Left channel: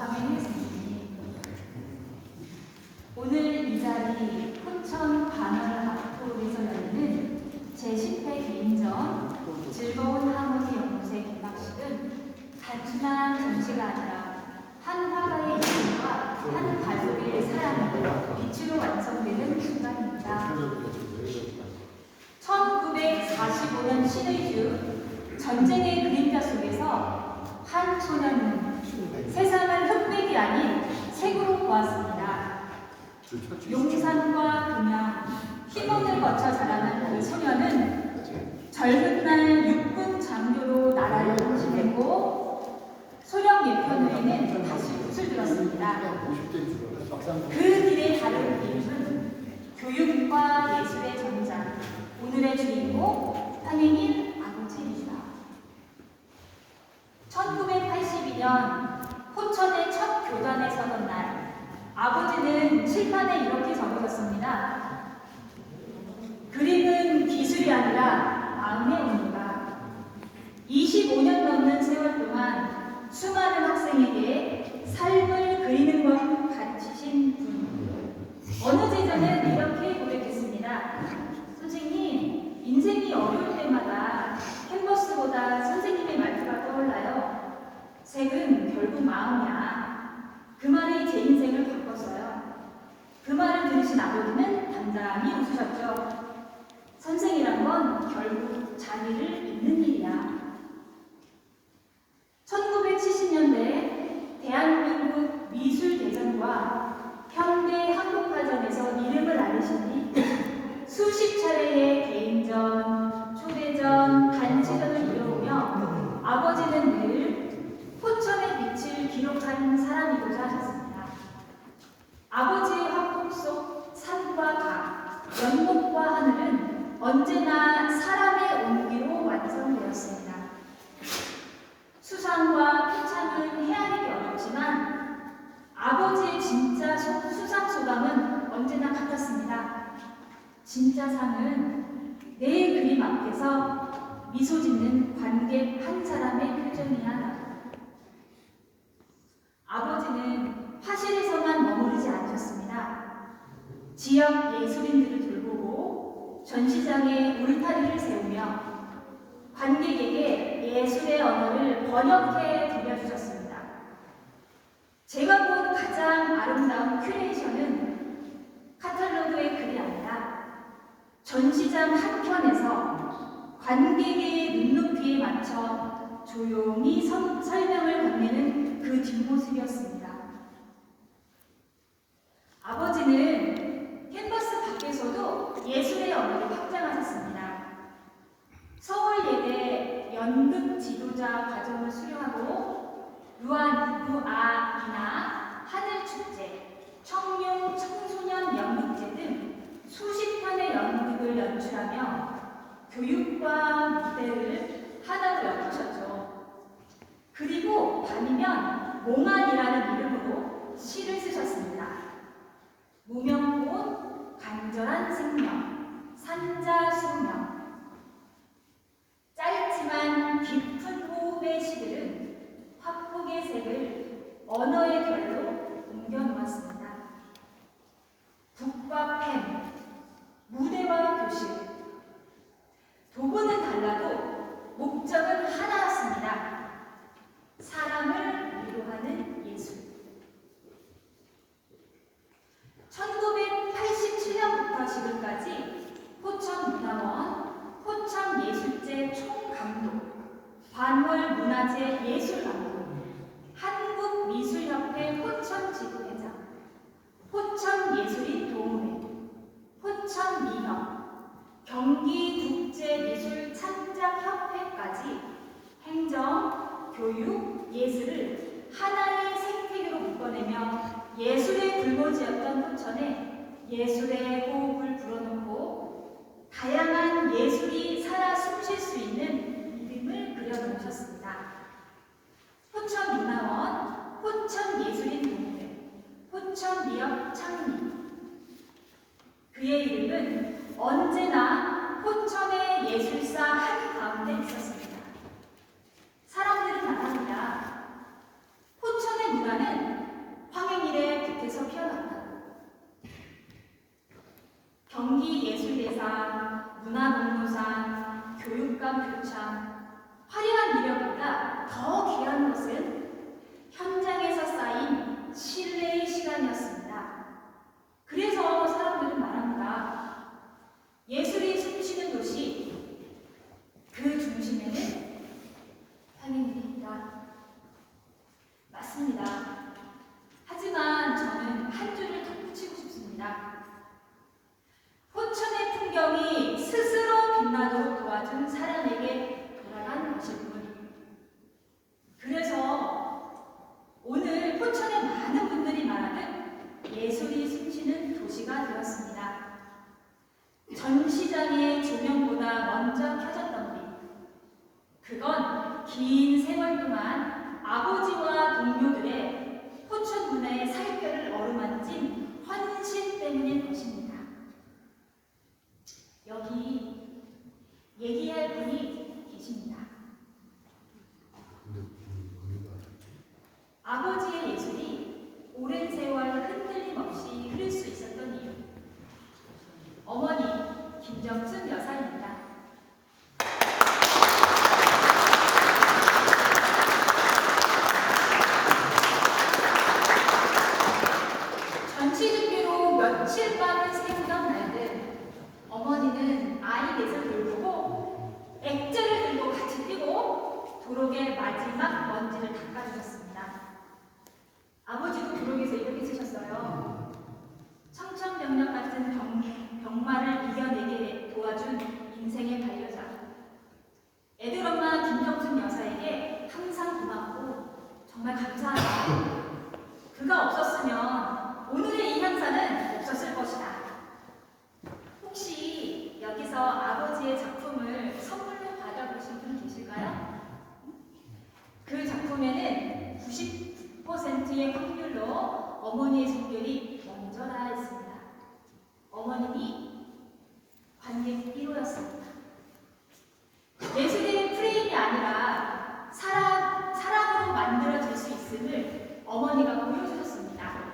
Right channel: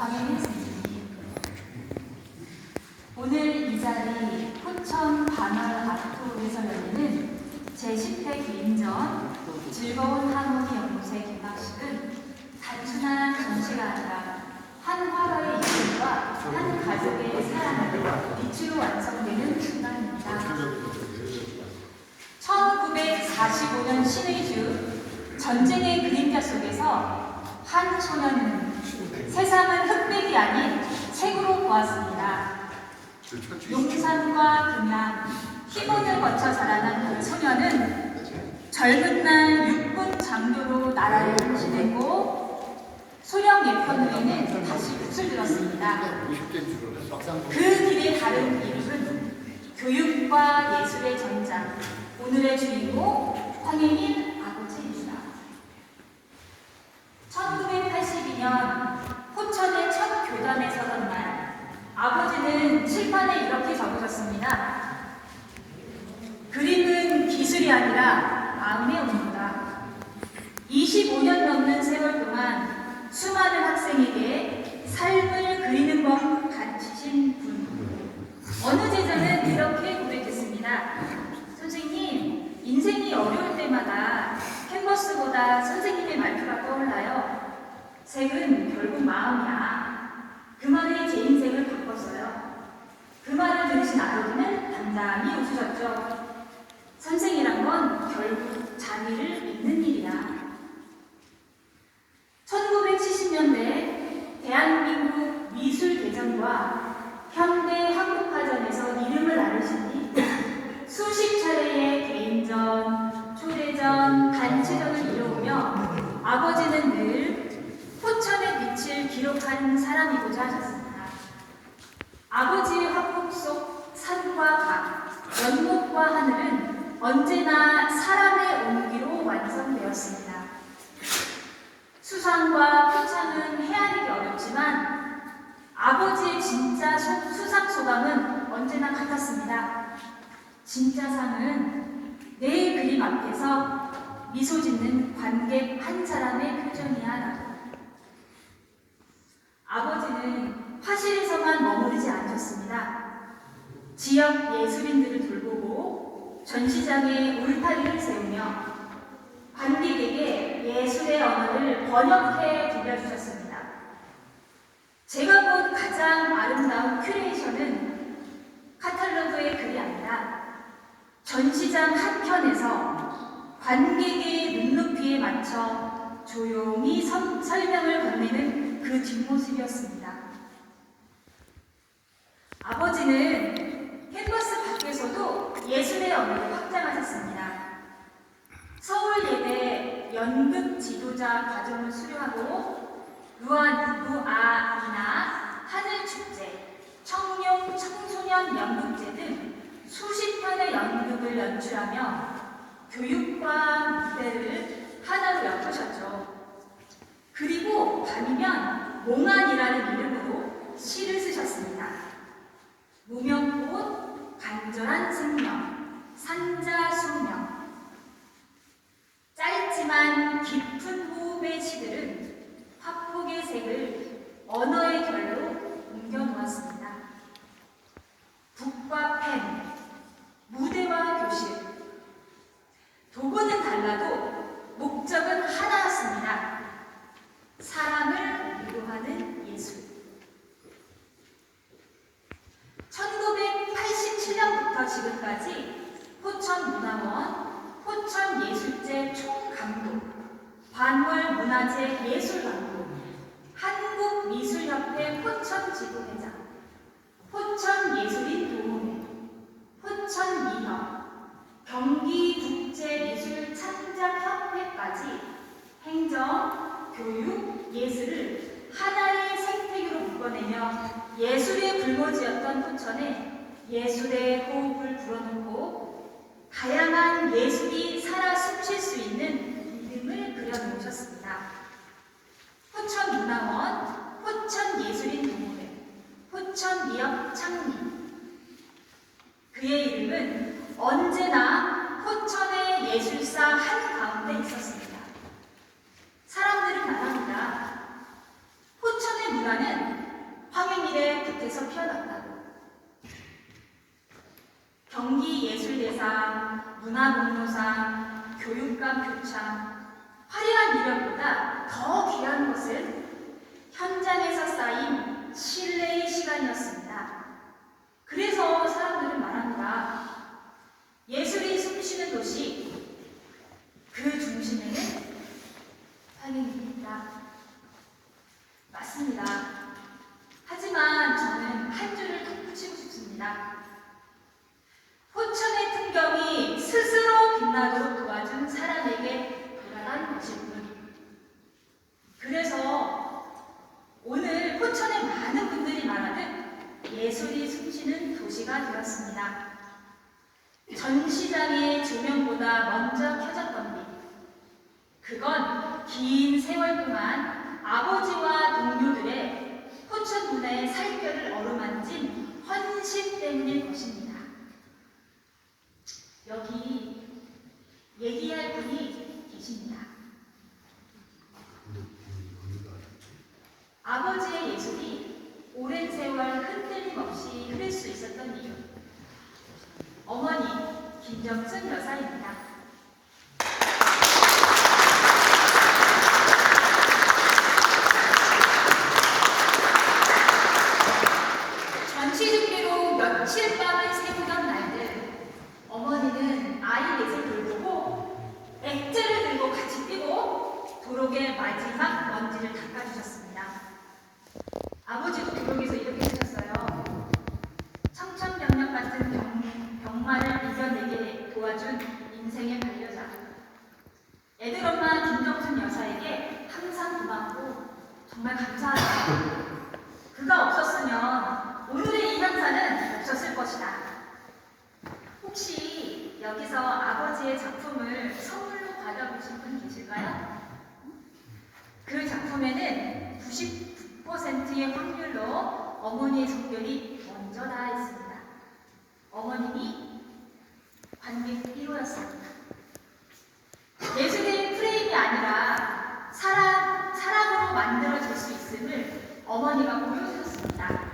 선생님. 오늘 이 자리 포천 반월 아트홀에서 열리는 제10회 개인전 즐거운 하모니 연구소의 개막식은 단순한 전시가 아니라 한 화가의 이름과 한 가족의 사랑을 빛으로 완성되는 순간입니다. 1945년 신의 주 전쟁의 그림자 속에서 한 소년은 세상을 흑백이 아닌 색으로 보았습니다. 용산과 금양, 희문을 거쳐 자라난 그 소년은 젊은 날 육군 장교로 나라를 지냈고 소령 예편 후에는 다시 붓을 들었습니다. 그 길의 다른 이름은 교육과 예술의 전장, 오늘의 주인공 황혜인 아버지입니다. 1982년 포천의 첫 교단에 서던 날, 아버지는 칠판에 이렇게 적으셨습니다. 그림은 기술이 아니라 마음의 온도다. 25년 넘는 세월 동안 수많은 학생에게 삶을 그리는 법을 가르치신 분. 어느 제자는 이렇게 고백했습니다. 선생님, 인생이 어려울 때마다 캔버스보다 선생님의 말투가 떠올라요. 색은 결국 마음이야. 그 말에 제 인생을 바꿨어요. 그 말을 들으신 아버지는 단단히 웃으셨죠. 선생이란 건 결국 자기를 믿는 일이야. 1970년대 대한민국 미술대전과 현대 한국화전에서 이름을 알리신 뒤 수십 차례의 개인전, 초대전, 단체전을 이뤄오며 아버지는 늘 포천의 빛을 기록한 사람이고자 하셨습니다. 아버지의 화품 속 산과 강, 연못과 하늘은 언제나 사람의 온기로 완성되었습니다. 수상과 포창은 헤아리기 어렵지만 아버지의 진짜 소- 수상 소감은 언제나 같았습니다. 진짜 상은 내 그림 앞에서 미소 짓는 관객 한 사람의 표정이야 나도. 아버지는 화실에서만 머무르지 않으셨습니다. 지역 예술인들을 돌보고 전시장에 울타리를 세우며 관객에게 예술의 언어를 번역해 들려주셨습니다. 제가 본 가장 아름다운 큐레이션은 카탈로그의 글이 아니라 전시장 한켠에서 관객의 눈높이에 맞춰 조용히 선- 설명을 건네는 그 뒷모습이었습니다. 아버지는 캔버스 밖에서도 예술의 언어를 확장하셨습니다. 서울예대 연극 지도자 과정을 수료하고 루안 루아이나 하늘축제, 청룡 청소년 연극제 등 수십 편의 연극을 연출하며 교육과 무대를 하나로 엮으셨죠. 밤이면 몽환이라는 이름으로 시를 쓰셨습니다. 무명꽃, 간절한 생명, 산자소명, 짧지만 깊은 호흡의 시들은 화폭의 색을 언어의 결로 옮겨 놓았습니다. 북과 펜, 무대와 교실. 도구는 달라도 목적은 하나였습니다. 사람을 위로하는 예술. 1987년부터 지금까지 포천문화원, 포천예술제 총감독, 반월문화재 예술감독, 한국미술협회 포천지부회장, 포천예술인 도우회, 포천미협, 경기국제미술창작협회까지 행정, 교육, 예술을 하나의 생태계로 묶어내며 예술의 불모지였던 포천에 예술의 호흡을 불어넣고 다양한 예술이 살아 숨쉴 수 있는 이름을 그려놓으셨습니다. 포천문화원, 포천예술인 동호회, 포천미협 창립. 그의 이름은 언제나 포천의 예술사 한 가운데 있었습니다. 사람들은 말합니다. 포천의 문화는 곳에서 피어났다고. 경기 예술대상, 문화공로상, 교육감 표창, 화려한 이력보다 더 귀한 것은 현장에서 쌓인 신뢰의 시간이었습니다. 그래서 사람들은 말합니다. 예술이 숨쉬는 도시, 그 중심에는 상인들이 있다. 맞습니다. 하지만 저는 한 줄을 덧붙이고 싶습니다. 포천의 풍경이 스스로 빛나도록 도와준 사람에게 돌아간 뿐. 그래서 오늘 포천의 많은 분들이 말하는 예술이 숨쉬는 도시가 되었습니다. 전시장의 조명보다 먼저 켜졌던 빛. 그건 긴 세월 동안 아버지와 동료들의 포천 문화의 살결을 어루만진 헌신 때문일 것입니다. 여기 얘기할 분이 계십니다. 아버지의 예술이 오랜 세월 흔들림 없이 흐를 수 있었던 이유. 어머니 김정순 여사입니다. 90%의 확률로 어머니의 성별이 먼저 나아 있습니다. 어머님이 관객 1호였습니다. 예수는 프레임이 아니라 사람, 사람으로 만들어질 수 있음을 어머니가 보여주셨습니다.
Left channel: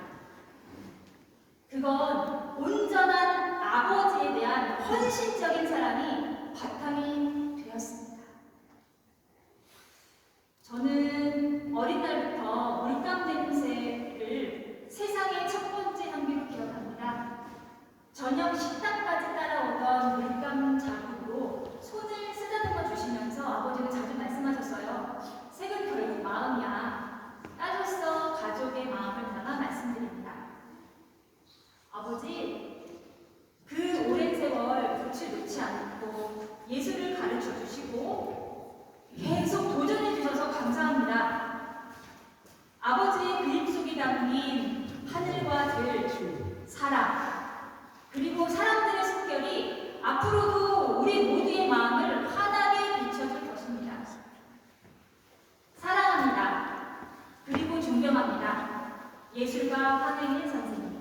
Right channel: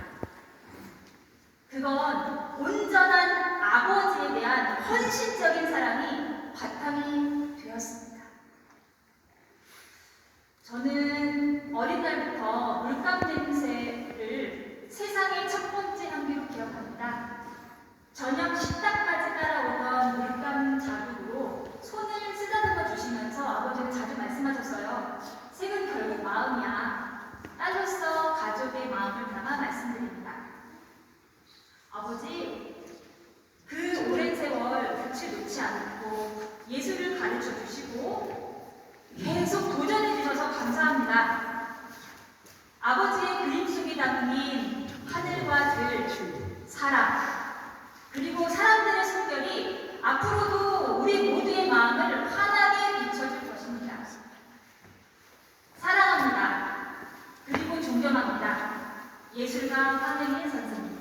그건 온전한 아버지에 대한 헌신적인 사랑이 저녁 식당까지 따라오던 물감 자국으로 손을 쓰다듬어 주시면서 아버지는 자주 말씀하셨어요. 색은 결국 마음이야. 딸로서 가족의 마음을 담아 말씀드립니다. 아버지, 그 오랜 세월 끝을 놓지 않고 예술을 가르쳐 주시고 계속 도전해 주셔서 감사합니다. 아버지의 그림 속에 담긴 하늘과 들, 사람, 그리고 사람들의 성격이 앞으로도 우리 모두의 마음을 환하게 비춰줄 것입니다. 사랑합니다. 그리고 존경합니다. 예술가 황행일 선생님.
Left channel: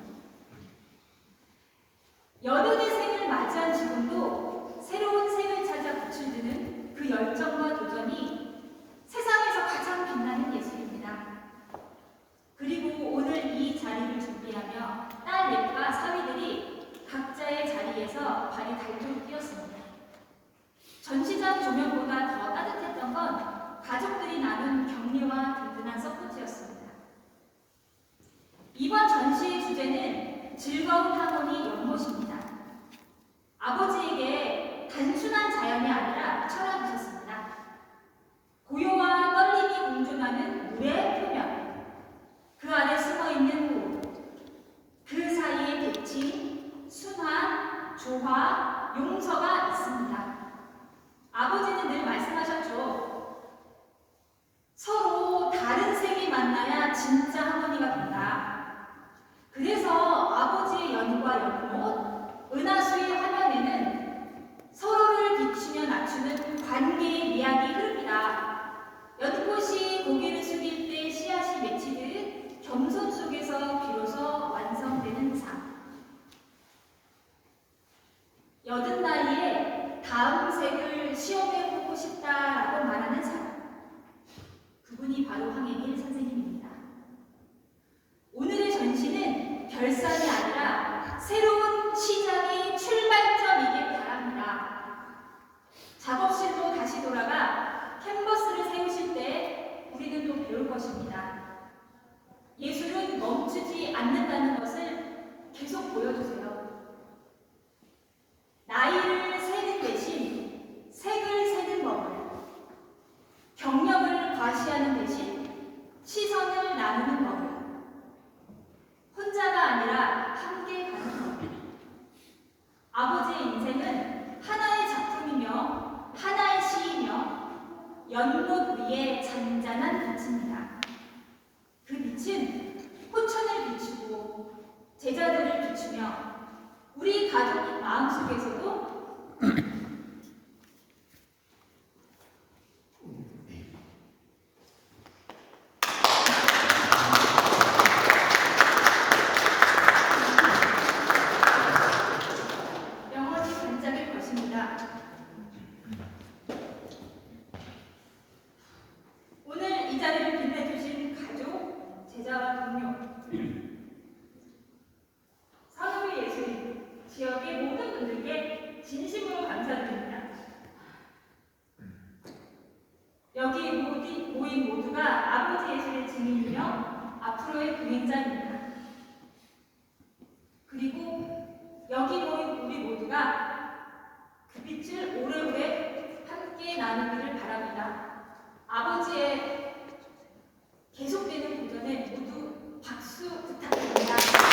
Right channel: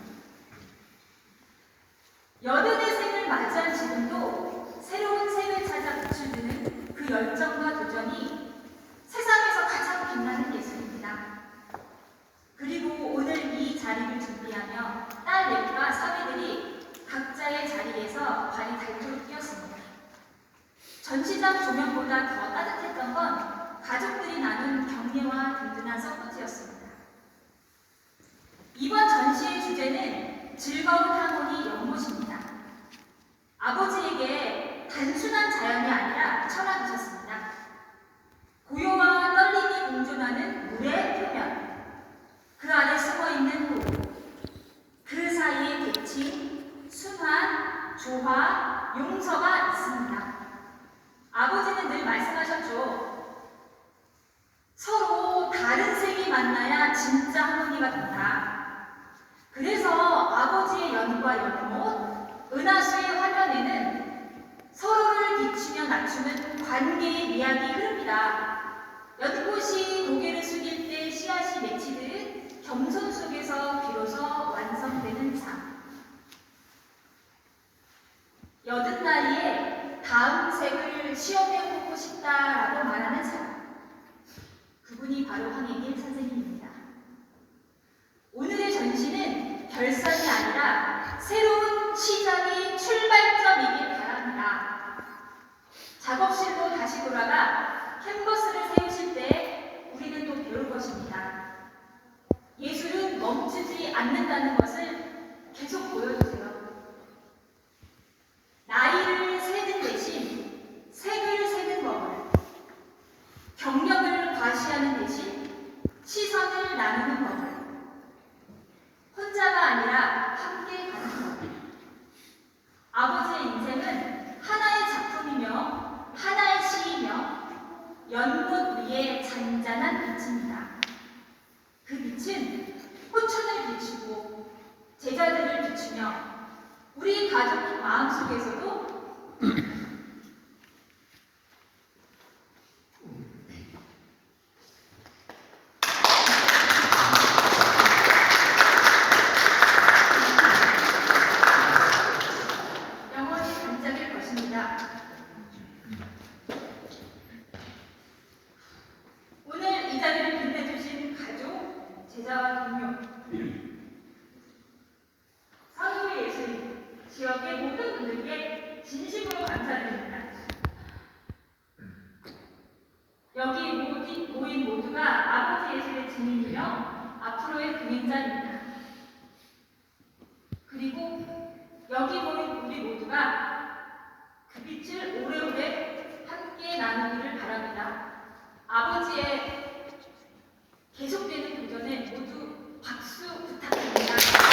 여든의 생을 맞이한 지금도 새로운 생을 찾아 드는 그 열정과 도전이 세상에서 가장 빛나는 예술입니다. 그리고 오늘 이 자리를 준비하며 딸 넷과 사위들이 각자의 자리에서 발이 닳도록 뛰었습니다. 전시장 조명보다 더 따뜻했던 건 가족들이 나눈 격려와 든든한 서포트였습니다. 이번 전시의 주제는 즐거운 하모니 연못입니다. 아버지에게 단순한 자연이 아니라 철학이셨습니다. 고요와 떨림이 공존하는 물의 표면, 그 안에 숨어 있는 호, 그 사이에 대칭, 순환, 조화, 용서가 있습니다. 아버지는 늘 말씀하셨죠. 서로 다른 색이 만나야 진짜 하모니가 된다. 그래서 아버지의 연과 연못, 은하수의 화면에는 서로를 비추며 낮추는 관계의 미학이 흐릅니다. 연꽃이 고개를 숙일 때 씨앗이 맺히듯 겸손 속에서 비로소 완성되는 삶. 여든 나이에 다음 색을 시험해 보고 싶다라고 말하는 사람. 그분이 바로 황혜길 선생님입니다. 오늘의 전시는 나누는 것. 혼자가 아니라 함께 가는 것. 아버지의 인생은 하나의 작품이며 하나의 시이며 연못 위의 잔잔한 빛입니다. 그 빛은 호천을 비추고 제자들을 비추며 우리 가족 마음속에서도 여기 보는 우리 모두가 그 빛을 오래오래 함께 나누기를 바랍니다. 아버지의 계속되는 도전에 모두 박수 부탁드립니다.